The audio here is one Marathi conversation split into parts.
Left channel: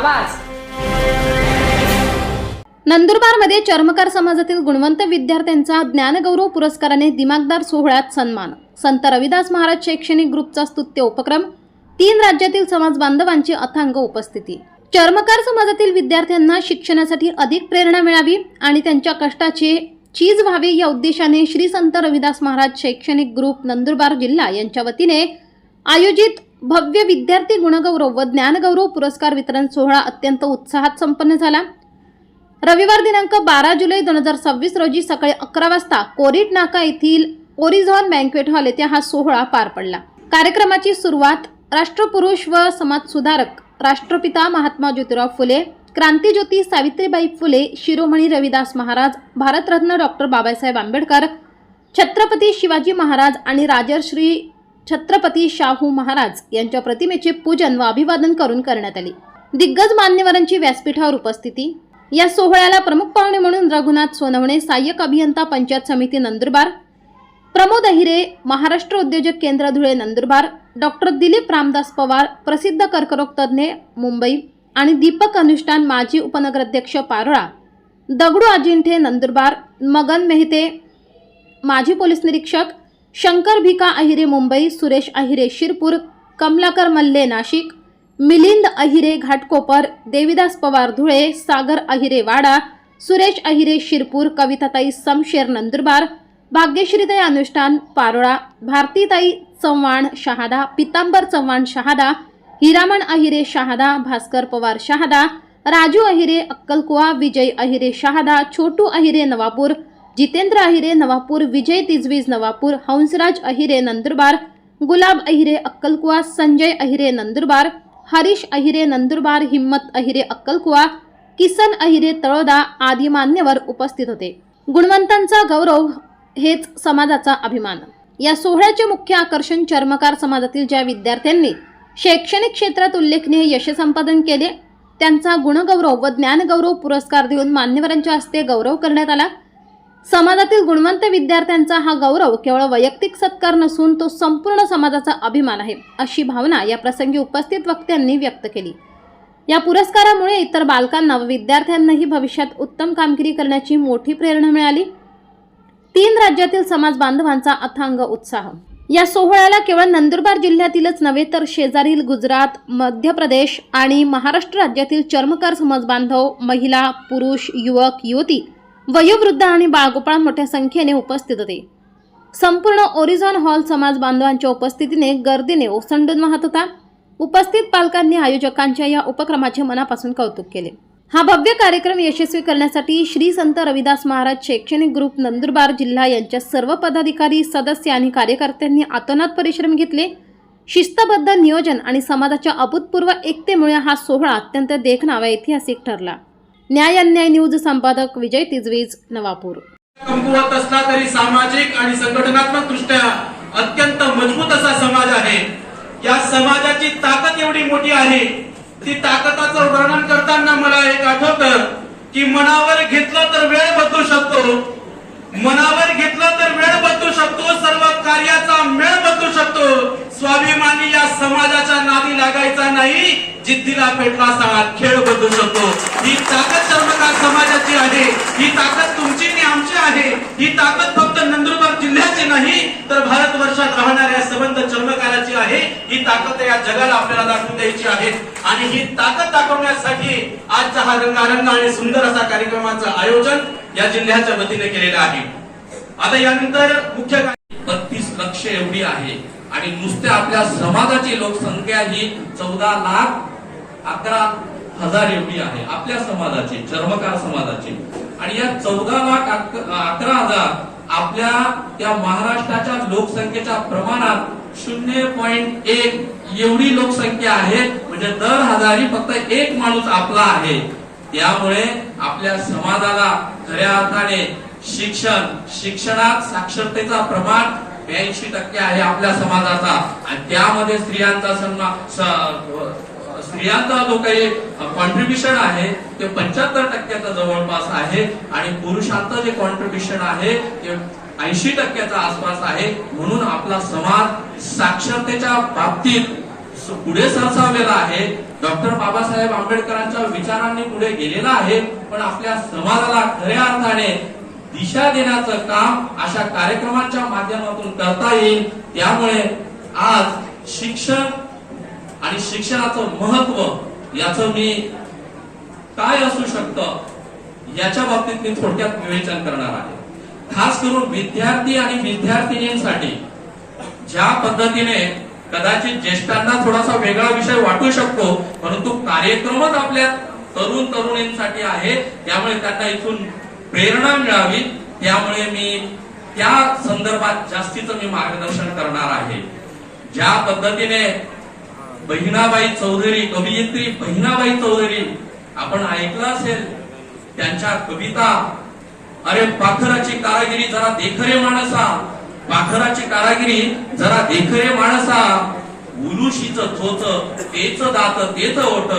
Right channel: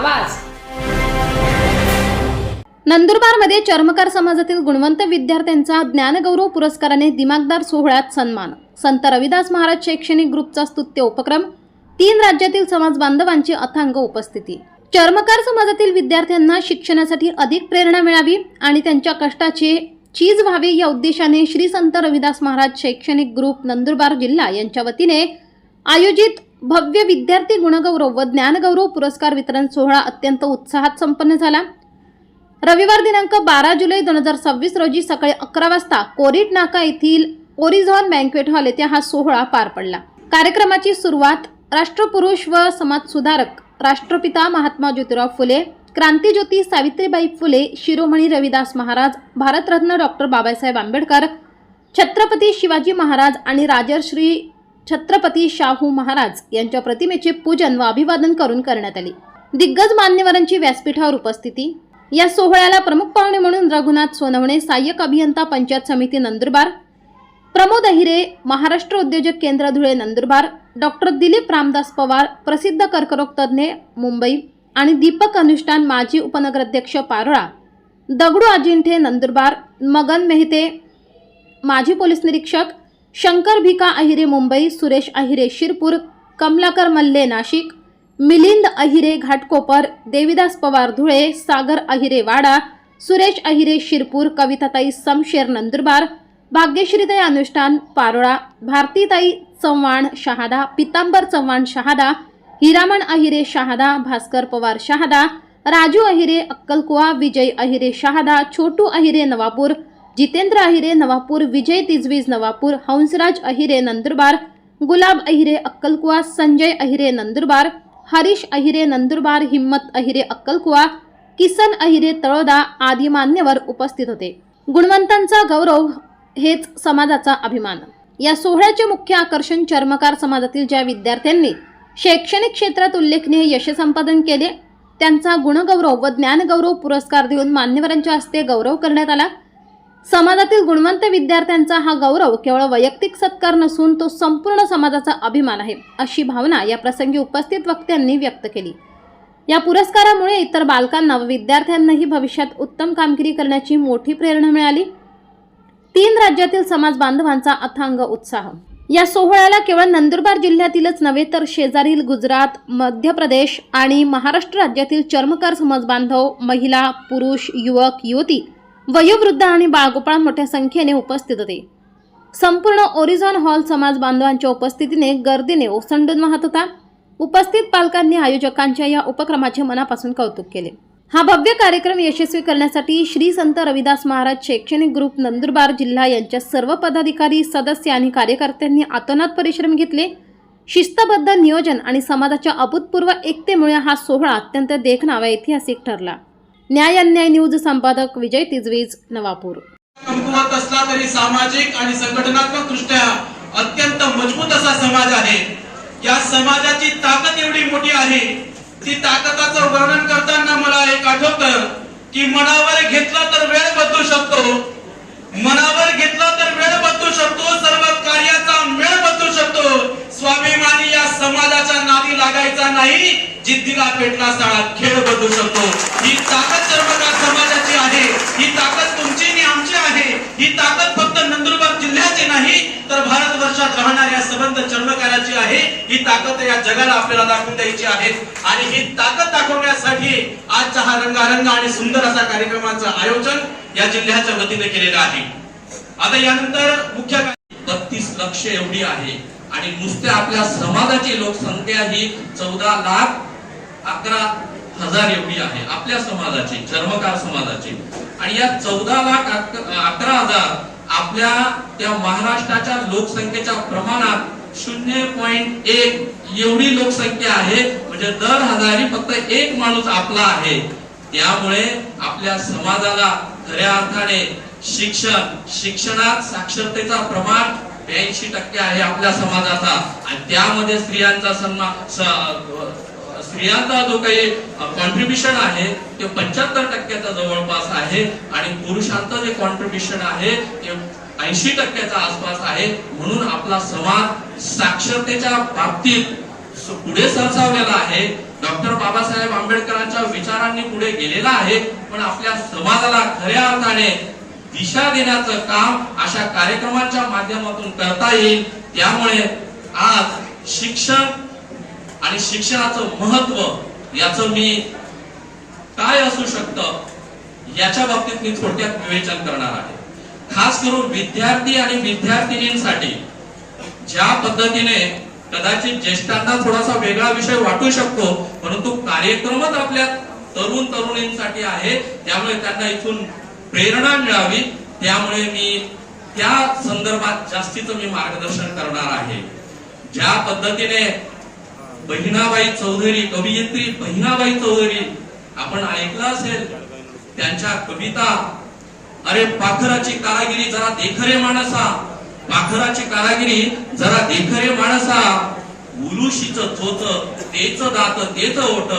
आवाज। नंदुरबारमध्ये चर्मकार समाजातील गुणवंत विद्यार्थ्यांचा ज्ञानगौरव पुरस्काराने दिमागदार सोहळ्यात सन्मान। संत रविदास महाराज शैक्षणिक ग्रुपचा स्तुत्य उपक्रम, 3 राज्यातील समाज बांधवांची अथांग उपस्थिती। चर्मकार समाजातील विद्यार्थ्यांना शिक्षणासाठी अधिक प्रेरणा मिळावी आणि त्यांच्या कष्टाचे चीज व्हावे या उद्देशाने श्री संत रविदास महाराज शैक्षणिक ग्रुप नंदुरबार जिल्हा यांच्या वतीने आयोजित भव्य विद्यार्थी गुणगौरव व ज्ञानगौरव पुरस्कार वितरण सोहळा अत्यंत उत्साहात संपन्न झाला। रविवार दिनांक 12 जुलै 2026 रोजी सकाळी 11 वाजता कोरीट नाका येथील ओरिझॉन बँक्वेट हॉल येथे हा सोहळा पार पडला। कार्यक्रमाची सुरुवात राष्ट्रपुरुष व समाजसुधारक राष्ट्रपिता महात्मा ज्योतिराव फुले, क्रांतिज्योती सावित्रीबाई फुले, शिरोमणी रविदास महाराज, भारतरत्न डॉक्टर बाबासाहेब आंबेडकर, छत्रपती शिवाजी महाराज आणि राजर्षी छत्रपती शाहू महाराज यांच्या प्रतिमेचे पूजन व अभिवादन करून करण्यात आले। दिग्गज मान्यवरांची व्यासपीठावर उपस्थिती। या सोहळ्याला प्रमुख पाहुणे म्हणून रघुनाथ सोनवणे, सहाय्यक अभियंता पंचायत समिती नंदुरबार, प्रमोद अहिरे, महाराष्ट्र उद्योजक केंद्र धुळे नंदुरबार, डॉक्टर दिलीप रामदास पवार, प्रसिद्ध कर्करोग तज्ञ मुंबई आणि दीपक अनुष्ठान माजी उपनगराध्यक्ष पारोळा, दगडू अजिंठे नंदुरबार, मगन मेहते माजी पोलीस निरीक्षक, शंकर भिका अहिरे मुंबई, सुरेश अहिरे शिरपूर, कमलाकर मल्ले नाशिक, मिलिंद अहिरे घाटकोपर, देविदास पवार धुळे, सागर अहिरे वाडा, सुरेश अहिरे शिरपूर, कविताताई समशेर नंदुरबार, भाग्यश्रीताई अनुष्ठान पारोळा, भारतीताई चव्हाण शहादा, पितांबर चव्हाण शहादा, हिरामण अहिरे शहादा, भास्कर पवार शहादा, राजू अहिरे अक्कलकुवा, विजय अहिरे शहादा, छोटू अहिरे नवापूर, जितेंद्र अहिरे नवापूर, विजय तिजवीज नवापूर, हंसराज अहिरे नंदुरबार, गुलाब अहिरे अक्कलकुवा, संजय अहिरे नंदुरबार, हरीश अहिरे नंदुरबार, हिम्मत अहिरे अक्कलकुवा, किसन अहिरे तळोदा आदी मान्यवर उपस्थित होते। गुणवंतांचा गौरव हेच समाजाचा अभिमान। या सोहळ्याचे मुख्य आकर्षण चर्मकार समाजातील ज्या विद्यार्थ्यांनी शैक्षणिक क्षेत्रात उल्लेखनीय यश संपादन केले त्यांचा गुणगौरव व ज्ञानगौरव पुरस्कार देऊन मान्यवरांच्या हस्ते गौरव करण्यात आला। समाजातील गुणवंत विद्यार्थ्यांचा हा गौरव केवळ वैयक्तिक सत्कार नसून तो संपूर्ण समाजाचा अभिमान आहे, अशी भावना या प्रसंगी उपस्थित वक्त्यांनी व्यक्त केली। या पुरस्कारामुळे इतर बालकांना व विद्यार्थ्यांनाही भविष्यात उत्तम कामगिरी करण्याची मोठी प्रेरणा मिळाली। 3 राज्यातील समाज बांधवांचा अथांग उत्साह। या सोहळ्याला केवळ नंदुरबार जिल्ह्यातीलच नव्हे तर शेजारील गुजरात, मध्य प्रदेश आणि महाराष्ट्र राज्यातील चर्मकार समाज बांधव, महिला, पुरुष, युवक, युवती, वयोवृद्ध आणि बाळगोपाळ मोठ्या संख्येने उपस्थित होते। संपूर्ण ओरिझॉन हॉल समाज बांधवांच्या उपस्थितीने गर्दीने ओसंडून वाहत होता। उपस्थित पालकांनी आयोजकांच्या या उपक्रमाचे मनापासून कौतुक केले। हा भव्य कार्यक्रम यशस्वी करण्यासाठी श्री संत रविदास महाराज शैक्षणिक ग्रुप नंदुरबार जिल्हा यांच्या सर्व पदाधिकारी, सदस्य आणि कार्यकर्त्यांनी अतोनात परिश्रम घेतले। शिस्तबद्ध नियोजन आणि समाजाच्या अभूतपूर्व एकतेमुळे हा सोहळा अत्यंत देखणा व ऐतिहासिक ठरला। न्याय अन्याय न्यूज संपादक विजय तिजवीज नवापूर। कमकुवत असला तरी सामाजिक आणि संघटनात्मक दृष्ट्या अत्यंत मजबूत असा समाज आहे। या समाजाची ताकद एवढी मोठी आहे, ती ताकदाचं वर्णन करताना मला एक आठवतं की मनावर घेतलं तर वेळ बदलू शकतो, मनावर घेतलं तर वेळ बदलू शकतो, सर्व कार्याचा मेळ बदलू शकतो। स्वाभिमानी या समाजाच्या नादी लागायचा नाही, जिद्दीला पेटला साळा खेळ बदलू शकतो। ही ताकद चर्मकार समाजाची आहे, ही ताकद तुमची आणि आमची आहे। ही ताकद फक्त नंदुरबार जिल्ह्याची नाही तर भारतवर्षात राहणाऱ्या सबंध चर्मकाराची आहे। ही ताकद या जगाला आपल्याला दाखवून द्यायची आहे आणि ही ताकद दाखवण्यासाठी आजचा हा रंगारंग आणि सुंदर असा कार्यक्रमाचं आयोजन या जिल्ह्याच्या वतीने केलेलं आहे। आता यानंतर मुख्य 32 लक्ष एवढी आहे आणि नुसत्या आपल्या समाजाची लोकसंख्या ही 14,11,000 एवढी आहे आपल्या समाजाची, चर्मकार समाजाची। आणि या 14,11,000 आपल्या त्या महाराष्ट्राच्या लोकसंख्येच्या प्रमाणात 0.1 एवढी लोकसंख्या आहे। म्हणजे दर हजारी फक्त 1 माणूस आपला आहे। त्यामुळे आपल्या समाजाला खऱ्या अर्थाने शिक्षणात साक्षरतेचा प्रमाण 82% आहे आपल्या समाजाचा आणि त्यामध्ये स्त्रियांचा जो काही कॉन्ट्रीब्युशन आहे ते 75% जवळपास आहे आणि पुरुषांचं जे कॉन्ट्रीब्युशन आहे ते 80% आसपास आहे। म्हणून आपला समाज साक्षरतेच्या बाबतीत पुढे सरसावलेला आहे, डॉक्टर बाबासाहेब आंबेडकरांच्या विचारांनी पुढे गेलेला आहे, पण आपल्या समाजाला खऱ्या अर्थाने दिशा देण्याचं काम अशा कार्यक्रमांच्या माध्यमातून करता येईल. त्यामुळे आज शिक्षण आणि शिक्षणाचं महत्व याचं मी काय असू शकतं याच्या बाबतीत मी थोडक्यात विवेचन करणार आहे. खास करून विद्यार्थी आणि विद्यार्थिनींसाठी ज्या पद्धतीने कदाचित ज्येष्ठांना थोडासा वेगळा विषय वाटू शकतो, परंतु कार्यक्रमच आपल्या तरुण तरुणींसाठी आहे, त्यामुळे त्यांना इथून प्रेरणा मिळावी, त्यामुळे मी त्या संदर्भात जास्तीचं मी मार्गदर्शन करणार आहे. ज्या पद्धतीने बहिणाबाई चौधरी, कवयित्री बहिणाबाई चौधरी आपण ऐकलं असेल, त्यांच्या कविता, अरे पाखराची कारागिरी जरा देखरे माणसा, पाखराची कारागिरी जरा देखरे माणसा, उलुशीच चोच तेच दात तेच ओट,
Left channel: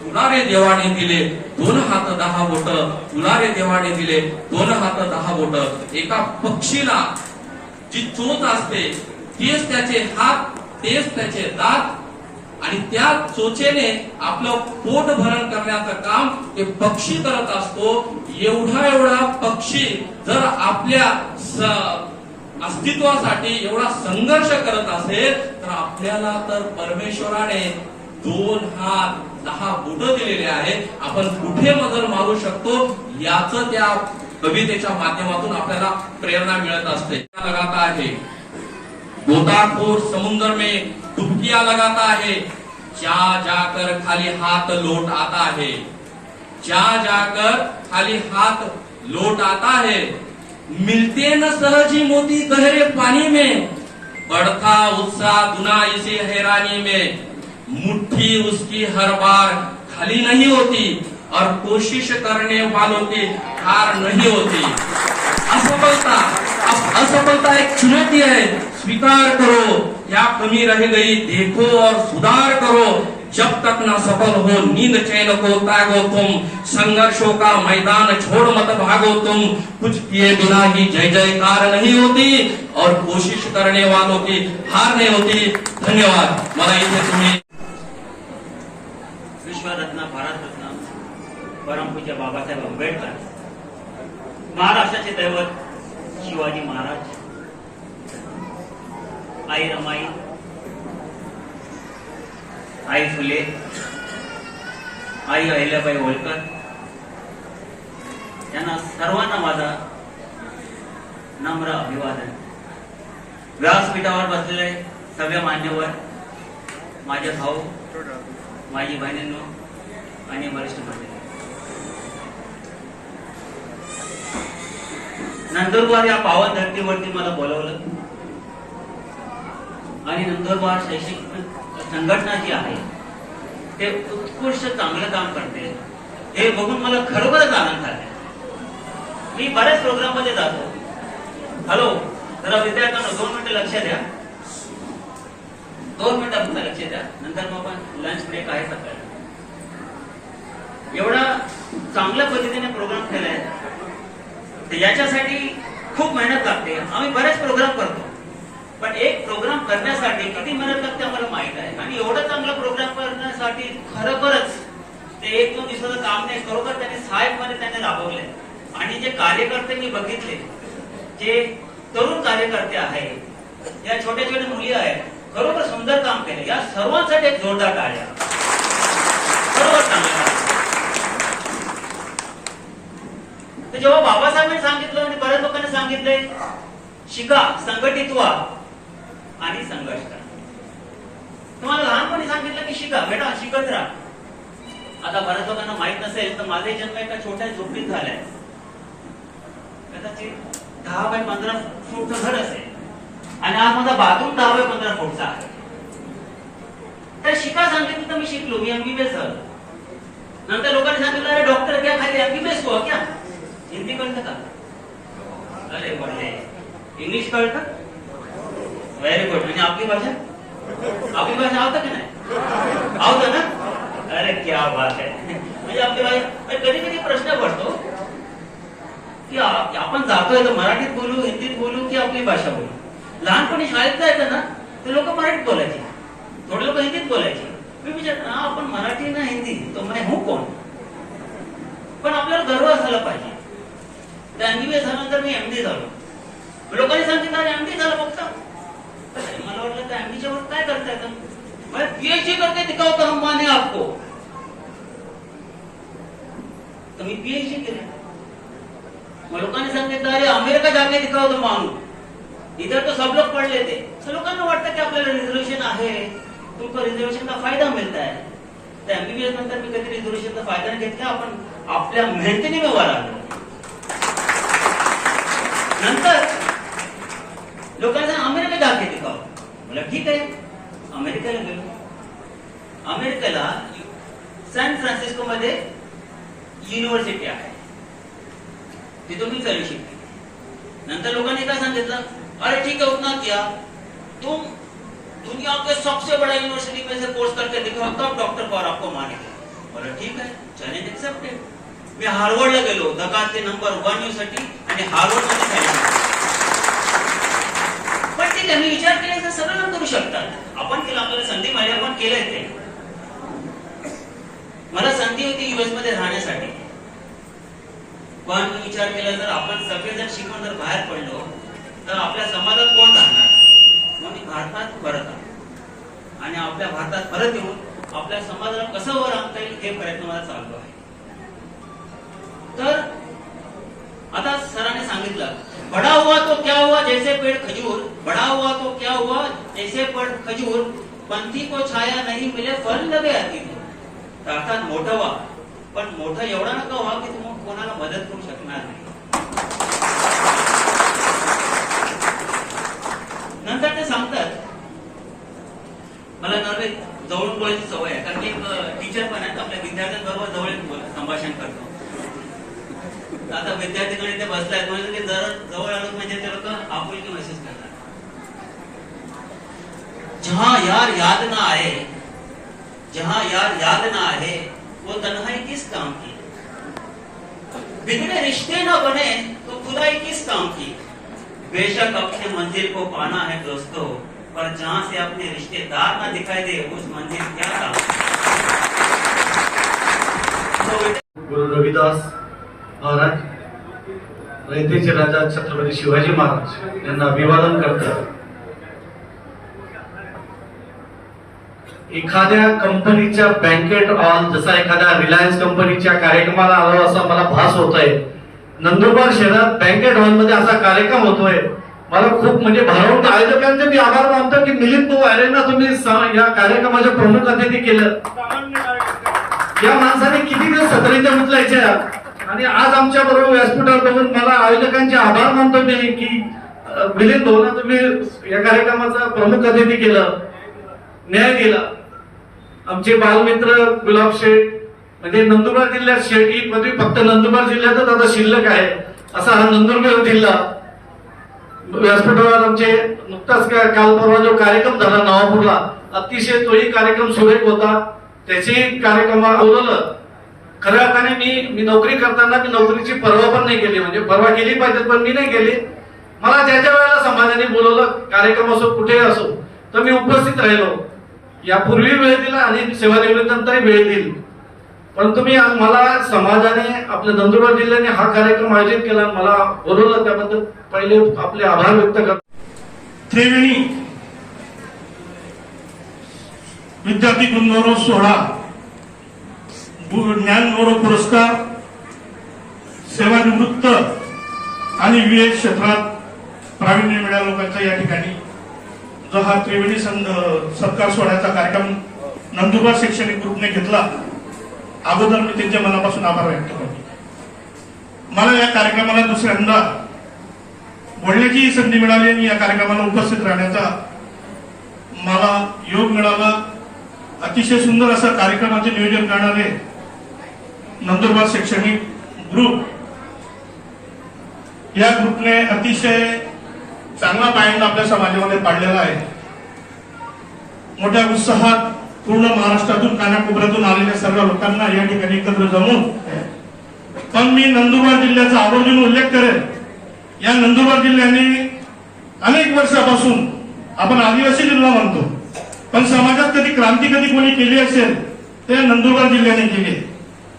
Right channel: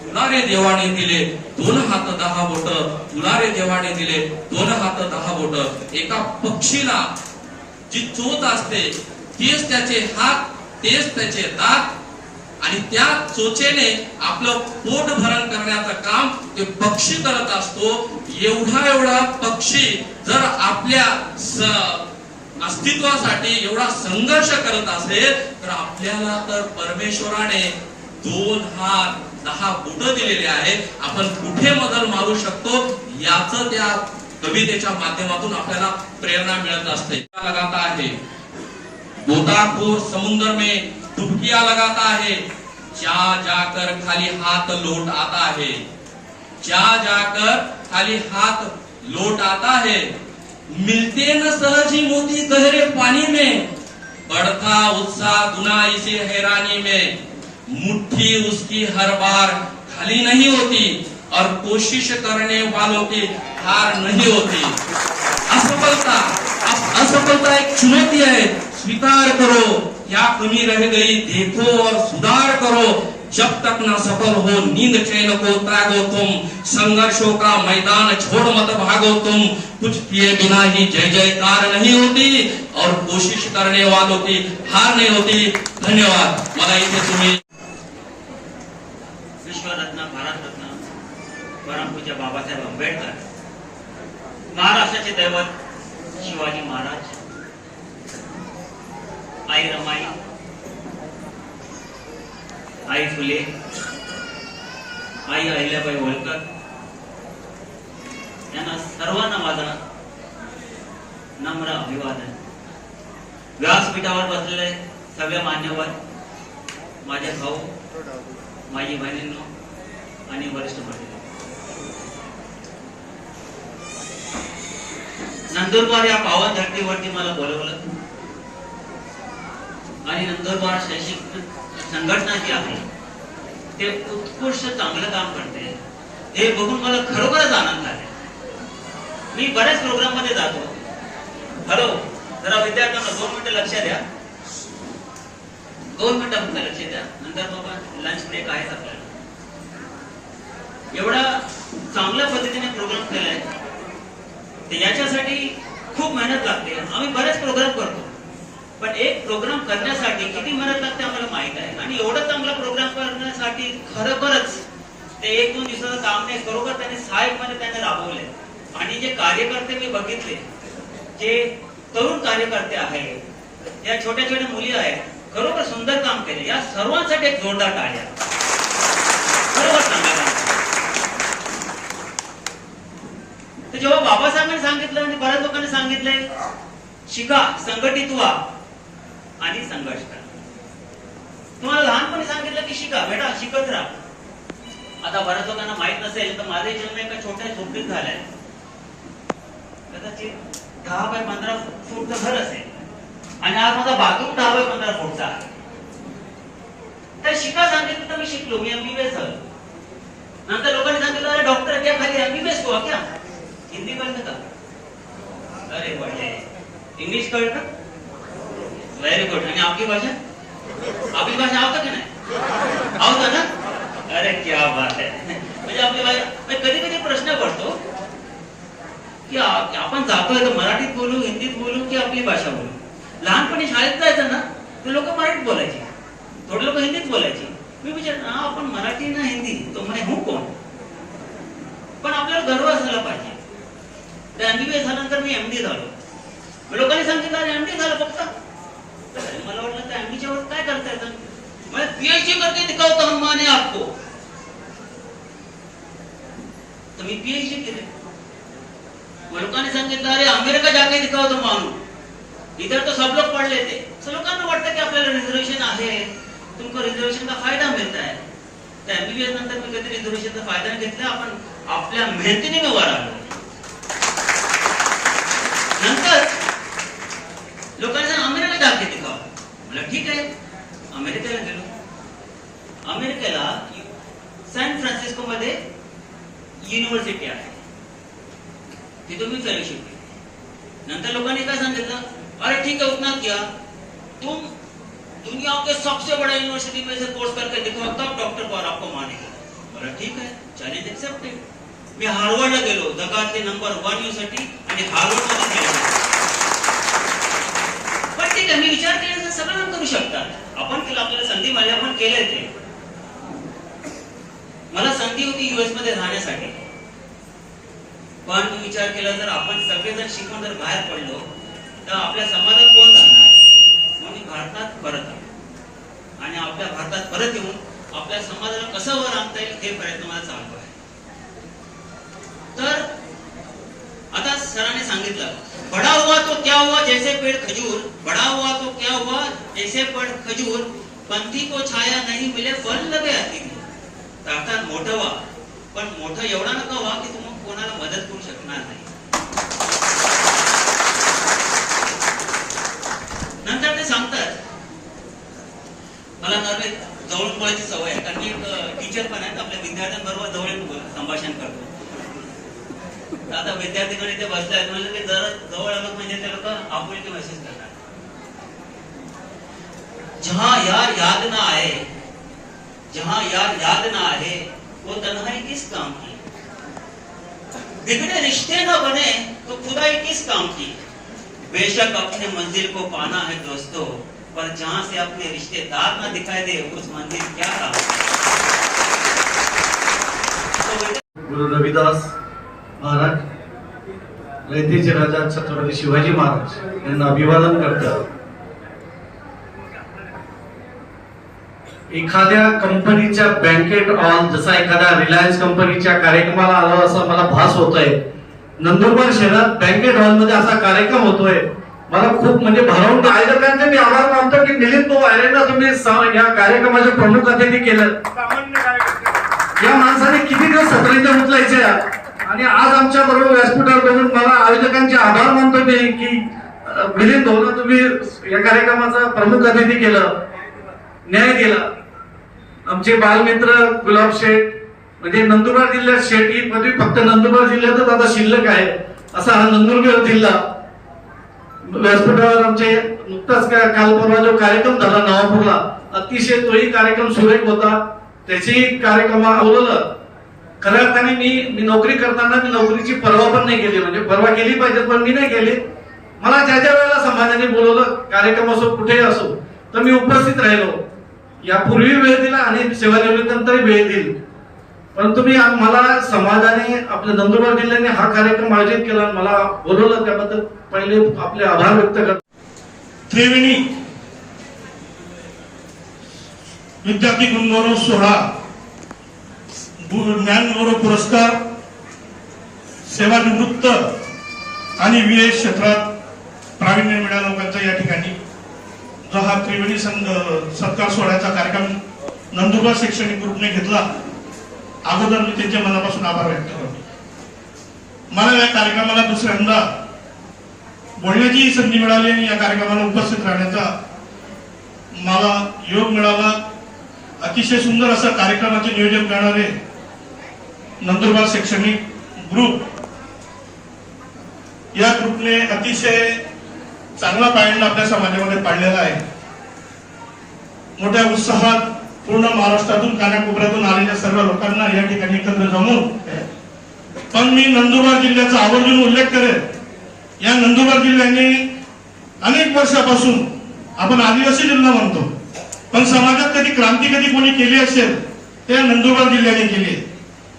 तुला रे देवाने दिले 2 हात 10 बोट, तुला रे देवाने दिले 2 हात 10 बोट. एका पक्षीला जी चोच असते तेच त्याचे हात, तेच त्याचे दात, आणि त्या चोचेने आपलं पोट भरण करण्याचं काम ते पक्षी करत असतो. एवढा पक्षी जर आपल्या अस्तित्वासाठी एवढा संघर्ष करत असेल, तर आपल्याला तर परमेश्वराने 2 हात 10 बोट दिलेले आहे. आपण कुठे मदत मागू शकतो याचं त्या कवितेच्या माध्यमातून आपल्याला प्रेरणा मिळत असते. लगाता है गोताखोर समुद्र में डुबकियां लगाता है, जा जाकर खाली हाथ लौट आता है, जा जाकर खाली हाथ लौट आता है, मिलते न सहजी मोती गहरे पानी में, बढ़ता उत्साह दुना इसी हैरानी में, मुट्ठी उसकी हर बार खाली नहीं होती और कोशिश करने वालों की हार नहीं होती. असफलता एक चुनौती है, स्वीकार करो, क्या कमी रह गई देखो और सुधार करो, जब तक न सफल हो नींद चैन को त्यागो तुम, संघर्षों का मैदान छोड़ मत भागो तुम, कुछ किए बिना ही जय जयकार नहीं होती और कोशिश करने वालों की हार नहीं होती. धन्यवाद. मला इथे तुम्ही विश्वरत्न, भारतरत्न, परमपूज्य बाबासाहेब आंबेडकर, महाराष्ट्राचे दैवत शिवाजी महाराज, आई रमाई, आई फुले, आई अहिल्याबाई होळकर, यांना सर्वांना माझा नम्र अभिवादन. व्यासपीठावर बसलेले सगळे मान्यवर, माझे भाऊ, माझी बहिणींनो आणि वरिष्ठ मंडळी, नंदुरबार या पावन धरतीवरती मला बोलवलं आणि नंदुरबार शैक्षणिक संघटना जी आहे ते उत्कृष्ट चांगलं काम करते हे बघून मला खरोखरच आनंद झाला. मी बऱ्याच प्रोग्राम मध्ये जातो. हॅलो, जरा विद्यार्थ्यांना 2 मिनिटं लक्ष द्या, 2 मिनिटं लक्ष द्या, नंतर मग लंच ब्रेक आहे आपल्याला. एवढा चांगल्या पद्धतीने प्रोग्राम केलाय, याच्यासाठी खूप मेहनत लागते. आम्ही बरेच प्रोग्राम करतो, पण एक प्रोग्राम करण्यासाठी किती मेहनत लागते आम्हाला माहित आहे. आणि एवढा चांगला प्रोग्राम करण्यासाठी खरोखरच ते 1-2 दिवसाचं काम नाही, खरोखर त्याने साहेबमध्ये त्याने राबवले. आणि जे कार्यकर्ते मी बघितले, जे तरुण कार्यकर्ते आहेत, या छोट्या छोट्या मुली आहेत, खरोखर सुंदर काम केले. या सर्वांसाठी एक जोरदार टाळ्या. खरोखर चांगलं. तर जेव्हा बाबासाहेबांनी सांगितलं आणि बऱ्याच लोकांनी सांगितले, शिका, संघटित व्हा आणि संघर्ष करा. तुम्हाला लहानपणी सांगितलं की शिका बेटा, शिकत राहा. आता बऱ्याच लोकांना माहित नसेल तर माझा जन्म एका छोट्या झोपडीत झालाय. कदाचित 10 बाय 15 फूटचं घर असेल आणि आज माझा बाथरूम 10 बाय 15 फूटचा आहे. तर शिका सांगितलं तर मी शिकलो, मी MBBS झालो. नंतर लोकांनी सांगितलं अरे डॉक्टर क्या खाली MBBS को क्या, हिंदी कळतं का? अरे बढिया. इंग्लिश कळतं? Very good. आणि आपली भाषा आवतं की नाही? आवतं ना? अरे क्या बात आहे. म्हणजे आपली भाषा. कधी कधी प्रश्न पडतो की आपण जातोय तर मराठीत बोलू, हिंदीत बोलू की आपली भाषा बोलू. लहानपणी शाळेत जायचं ना, ते लोक मराठीत बोलायचे. थोडे लोक हिंदीत बोलायचे. मी विचार आपण मराठी ना हिंदी तो मैं हूं कोण. पण आपल्याला गर्व असायला पाहिजे. त्या MBBS झाल्यानंतर मी MD झालो. लोकांनी सांगितलं MD झालं फक्त. मला वाटलं त्या MD वर काय करता येतं. मैं PhD करके दिखाओ तो हम माने आपको. तर मी PhD केले. लोकांनी सांगितलं अरे अमेरिका जाके दिखाओ तो मानू. इधर तो सब लोग पढ़ लेते. सब लोकांना वाटतं की आपल्याला रिझर्वेशन आहे, तुमको रिझर्वेशन का फायदा मिळता है. तर MBBS नंतर मी कधी रिझर्वेशनचा फायदा नाही घेतला. आपण आपल्या मेहनतीने मी वर आलो. नंतर लोकांनी सांगितलं अमेरिका जाके दिखाओ. मला ठीक आहे, अमेरिकेला गेलो. अमेरिकेला सॅन फ्रान्सिस्को मध्ये युनिव्हर्सिटी आहे, तिथून मी फेलोशिप केली. नंतर लोकांनी काय सांगितलं अरे ठीक है उतना क्या, तुम दुनिया के सबसे बड़ा यूनिवर्सिटी में से कोर्स करके दिखाओ तब डॉक्टर को और आपको मानेगा. बोला ठीक है, चॅलेंज एक्सेप्टेड. मी हार्वर्डला गेलो, जगातले नंबर 1 युनिव्हर्सिटी आणि हार्वर्डमध्ये झाली. पण ठीक आहे, मी विचार केल्याचं सगळं करू शकतात. आपण केलं, आपल्याला संधी मिळाली, आपण केलंय ते. मला संधी होती US मध्ये राहण्यासाठी. पण मी विचार केला जर आपण सगळे जर शिकून जर बाहेर पडलो तर आपल्या समाजात कोण राहणार. मग मी भारतात परत आलो आणि आपल्या भारतात परत येऊन आपल्या समाजाला कसं वर आणता येईल हे प्रयत्न मला चालू आहे. तर आता सरांनी सांगितलं बडा हुआ तो क्या हुआ जैसे पेड़ खजूर, बडा हुआ तो क्या हुआ जैसे पेड़ खजूर, पंथी को छाया नहीं मिले फल लगे आती. अर्थात मोठं व्हा, पण मोठं एवढा नका व्हा की तुम्ही कोणाला मदत करू शकणार नाही. नंतर ते सांगतात मला नव्हे जवळून बोलायची सवय आहे, कारण की टीचर पण आहेत, आपल्या विद्यार्थ्यांबरोबर जवळ संभाषण करतो. आता विद्यार्थीकडे ते बसलाय म्हणजे ते जर जवळ आलो म्हणजे ते लोक आपुलकी महसूस करणार. जहां यार याद ना आए, जहां यार याद ना आए वो तन्हाई किस काम की, बिगड़े रिश्ते न बने तो खुदाई किस काम की. बेशक अपने मंजिल को पाना है दोस्तों, पर जहां से अपने रिश्तेदार ना दिखाई दे उस मंजिल क्या काम. गुरु रविदास महाराज, रयतेचे राजा छत्रपती शिवाजी महाराज यांना अभिवादन करतात. एखाद्या कंपनीच्या बँकेट हॉल, जसा एखाद्या रिलायन्स कंपनीच्या कार्यक्रमाला आलो असा मला भास होतोय. नंदुरबार शहरात बँकेट हॉल मध्ये असा कार्यक्रम होतोय. मला खूप म्हणजे भारावून आयोजकांचे मी आभार मानतो की मिलिंद भाऊ आयरेंना तुम्ही या कार्यक्रमाचे प्रमुख अतिथी केलं. या माणसाने किती दिवस सतरंजा मुतलायचे आणि आज आमच्या बरोबर व्यासपीठावर बघून मला आयोजकांचे आभार मानतो मी की मिलिंद भाऊना तुम्ही या कार्यक्रमाचा प्रमुख अतिथी केलं, न्याय दिला. आमचे बालमित्र गुलाब शेठ, म्हणजे नंदुरबार जिल्ह्यात शेठ ही पदवी फक्त नंदुरबार जिल्ह्यातच आता शिल्लक आहे असा हा नंदुरबार जिल्हा. व्यासपीठावर आमचे नुकताच काल परवा जो कार्यक्रम झाला नवापूरला, अतिशय तोही कार्यक्रम सुरेख होता. त्याची कार्यक्रम अवलंबलं. खऱ्या अर्थाने मी नोकरी करताना मी नोकरीची पर्वा पण नाही केली, म्हणजे पर्वा केली पाहिजे पण मी नाही केली. मला ज्या ज्या वेळेला समाजाने बोलवलं, कार्यक्रम असो कुठेही असो, तर मी उपस्थित राहिलो. यापूर्वी वेळ दिला आणि सेवानिवृत्तीनंतरही वेळ दिली. परंतु मी मला समाजाने, आपल्या नंदुरबार जिल्ह्याने हा कार्यक्रम आयोजित केला, मला बोलवलं, त्याबद्दल पहिले आपले आभार व्यक्त करतो. त्रिवेणी विद्यार्थी गुणगौरव सोहळा, ज्ञानगौरव पुरस्कार, सेवानिवृत्त आणि विविध क्षेत्रात प्रावीण्य मिळालेल्या लोकांचा या ठिकाणी जो हा त्रिवेणी सत्कार सोहळ्याचा कार्यक्रम नंदुरबार शैक्षणिक ग्रुपने घेतला, अगोदर मी त्यांच्या मनापासून आभार व्यक्त करतो. मला या कार्यक्रमाला दुसऱ्यांदा बोलण्याची संधी मिळाली आणि या कार्यक्रमाला उपस्थित राहण्याचा मला योग मिळाला. अतिशय सुंदर असं कार्यक्रमाचे नियोजन करणारे नंदुरबार शैक्षणिक ग्रुप, या ग्रुपने अतिशय चांगला पायंडा आपल्या समाजामध्ये पाडलेला आहे. मोठ्या उत्साहात पूर्ण महाराष्ट्रातून कानाकोपऱ्यातून आलेल्या सर्व लोकांना या ठिकाणी एकत्र जमून, पण मी नंदुरबार जिल्ह्याचा आवर्जून उल्लेख करेन. या नंदुरबार जिल्ह्याने अनेक वर्षापासून, आपण आदिवासी जिल्हा म्हणतो, पण समाजात कधी क्रांती कधी कोणी केली असेल ते नंदुरबार जिल्ह्याने केली.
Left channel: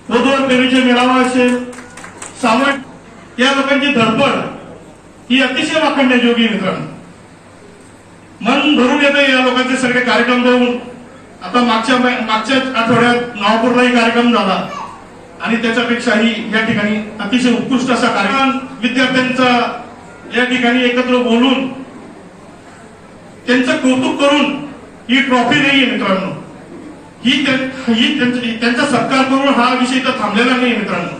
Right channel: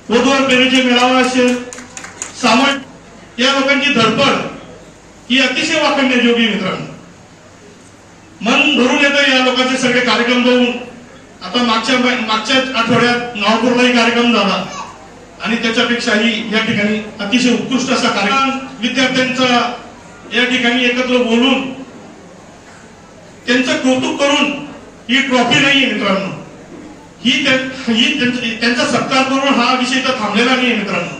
वधूवर प्रेमीचे मेळावा असेल, सामूहिक या लोकांची धडपड ही अतिशय वाखाणण्याजोगी मित्रांनो. मन भरून येतं या लोकांचे सगळे कार्यक्रम बघून. आता मागच्या आठवड्यात नागपूरलाही कार्यक्रम झाला आणि त्याच्यापेक्षाही या ठिकाणी अतिशय उत्कृष्ट असा कार्यक्रम विद्यार्थ्यांचा या ठिकाणी एकत्र बोलून त्यांचं कौतुक करून ही ट्रॉफी नाहीये मित्रांनो, ही त्यांचा सत्कार करून हा विषय तर थांबलेला नाहीये मित्रांनो.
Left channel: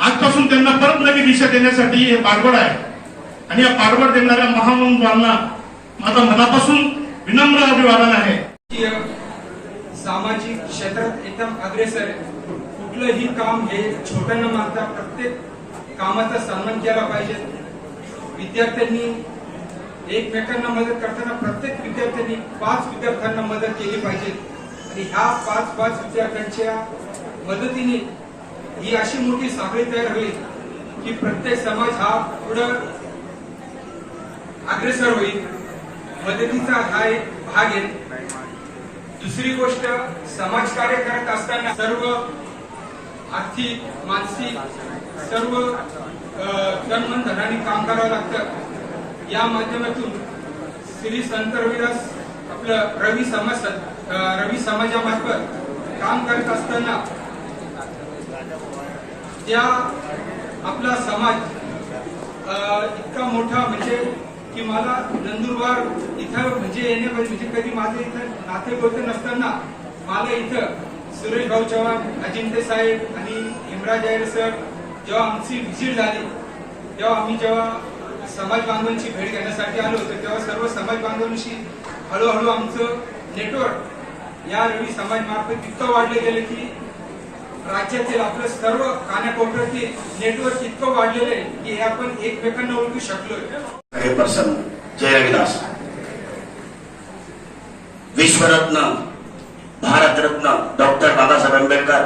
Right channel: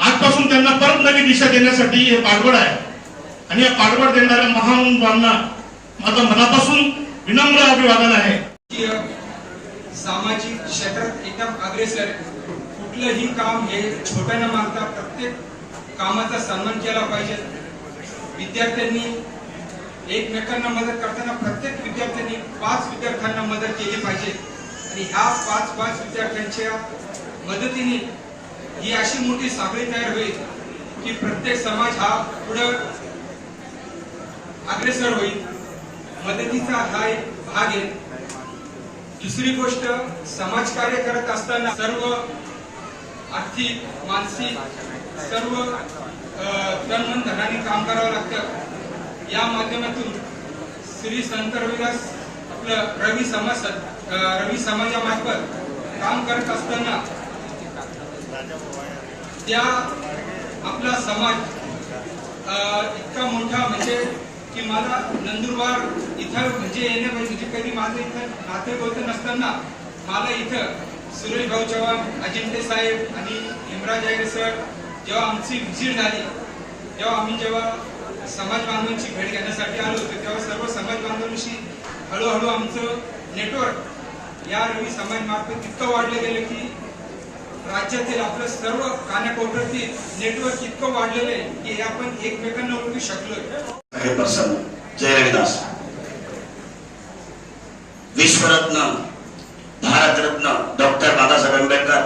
आजपासून त्यांना परत नवी दिशा देण्यासाठी हे पाठबळ आहे आणि या पाठबळ देणाऱ्या महानुभावांना माझा मनापासून विनम्र अभिवादन आहे. सामाजिक क्षेत्रात एकदम अग्रेसर, कुठलंही काम हे छोटं न मागता प्रत्येक कामाचा सन्मान केला पाहिजे. विद्यार्थ्यांनी एकमेकांना मदत करताना प्रत्येक विद्यार्थ्यांनी 5 विद्यार्थ्यांना मदत केली पाहिजे आणि ह्या 5 विद्यार्थ्यांच्या मदतीने ही अशी मोठी साखळी तयार होईल की प्रत्येक समाज हा पुढे अग्रेसर होईल. मदतीचा हा एक भाग आहे. दुसरी गोष्ट, समाजकार्य करत असताना सर्व आर्थिक, मानसिक सर्व तन मन धनाने काम करावं लागतं. या माध्यमातून श्री संत रविदास आपलं रवी समाजामार्फत काम करत असताना त्या आपला समाज इतका मोठा म्हणजे की मला नंदुरबार इथं म्हणजे येण्यापासून म्हणजे कधी माझं इथं नाते होत नसताना मला इथं सुरेश भाऊ चव्हाण, अजिंठे साहेब आणि हेमराज आयरे सर जेव्हा आमची व्हिजिट झाली तेव्हा आम्ही जेव्हा समाज बांधवांची भेट घेण्यासाठी आलो होतो तेव्हा सर्व समाज बांधवांशी हळूहळू आमचं नेटवर्क या रवी समाज मार्फत इतकं वाढलं गेलं की राज्यातील आपल्या सर्व कानाकोपऱ्यातील नेटवर्क इतकं वाढलेलं आहे की आपण एकमेकांना ओळखू शकलोय. हे प्रसन्न जय रविदास, विश्वरत्न, भारतरत्न डॉक्टर बाबासाहेब आंबेडकर,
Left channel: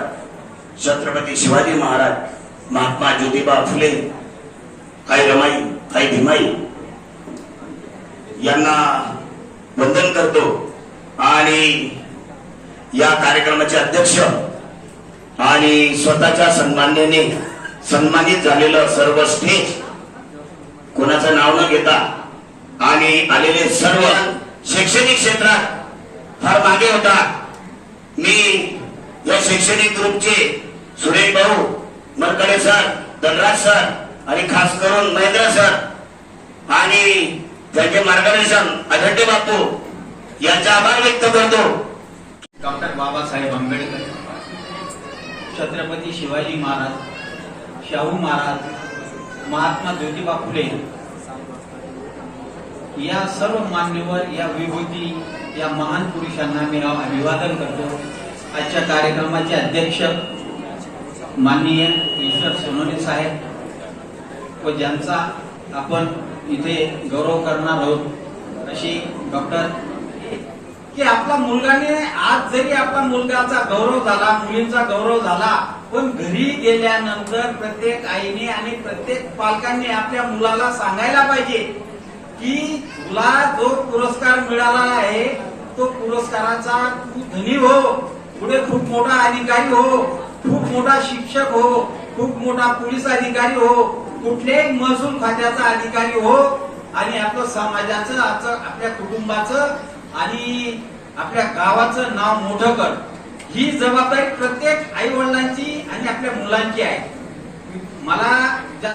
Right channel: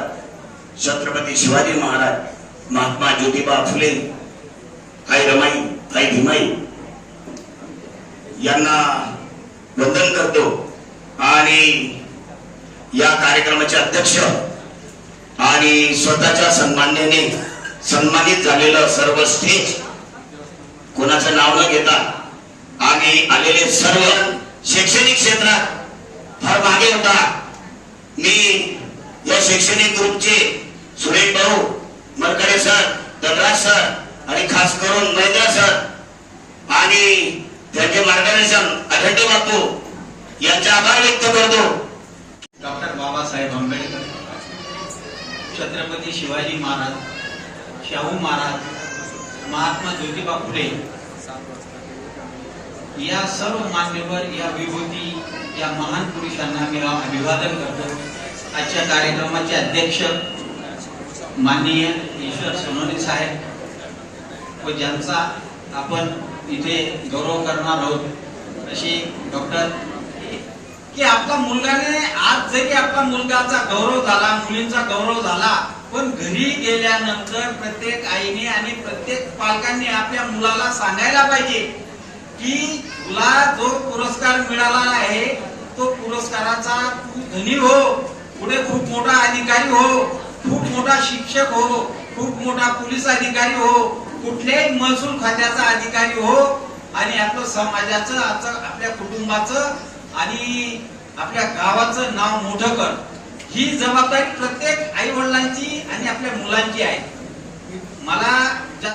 छत्रपती शिवाजी महाराज, महात्मा ज्योतिबा फुले, आई रमाई, आई भीमाई यांना वंदन करतो आणि या कार्यक्रमाचे अध्यक्ष आणि स्वतःच्या सन्मानाने सन्मानित झालेलं सर्व स्टेज कोणाचं नाव न घेता आणि आलेले सर्व शैक्षणिक क्षेत्रात फार मागे होता. मी या शैक्षणिक ग्रुपचे सुरेश भाऊ, मरकडे सर, दलराज सर आणि खास करून महेंद्र सर आणि त्यांचे मार्गदर्शन अजंटे बापू यांचा आभार व्यक्त करतो. डॉक्टर बाबासाहेब आंबेडकर, छत्रपती शिवाजी महाराज, शाहू महाराज, महात्मा ज्योतिबा फुले या सर्व मान्यवर, या विभूती, या महान पुरुषांना मी अभिवादन करतो. आजच्या कार्यक्रमाचे अध्यक्ष माननीय ईश्वर सोनवणे साहेब व ज्यांचा आपण इथे गौरव करणार आहोत अशी डॉक्टर की आपला मुलगाने आज जरी आपला मुलगाचा गौरव झाला, मुलींचा गौरव झाला, पण घरी गेल्यानंतर प्रत्येक आईने आणि प्रत्येक पालकांनी आपल्या मुलाला सांगायला पाहिजे की तुला जो पुरस्कार मिळाला आहे तो पुरस्काराचा तू धनी हो, पुढे खूप मोठा अधिकारी हो, खूप मोठा शिक्षक हो, खूप मोठा पोलीस अधिकारी हो, कुठल्याही महसूल खात्याचा अधिकारी हो आणि आपलं समाजाचं, आपल्या कुटुंबाचं आणि आपल्या गावाचं नाव मोठं कर. ही जबाबदारी प्रत्येक आई वडिलांची आणि आपल्या मुलांची आहे. मला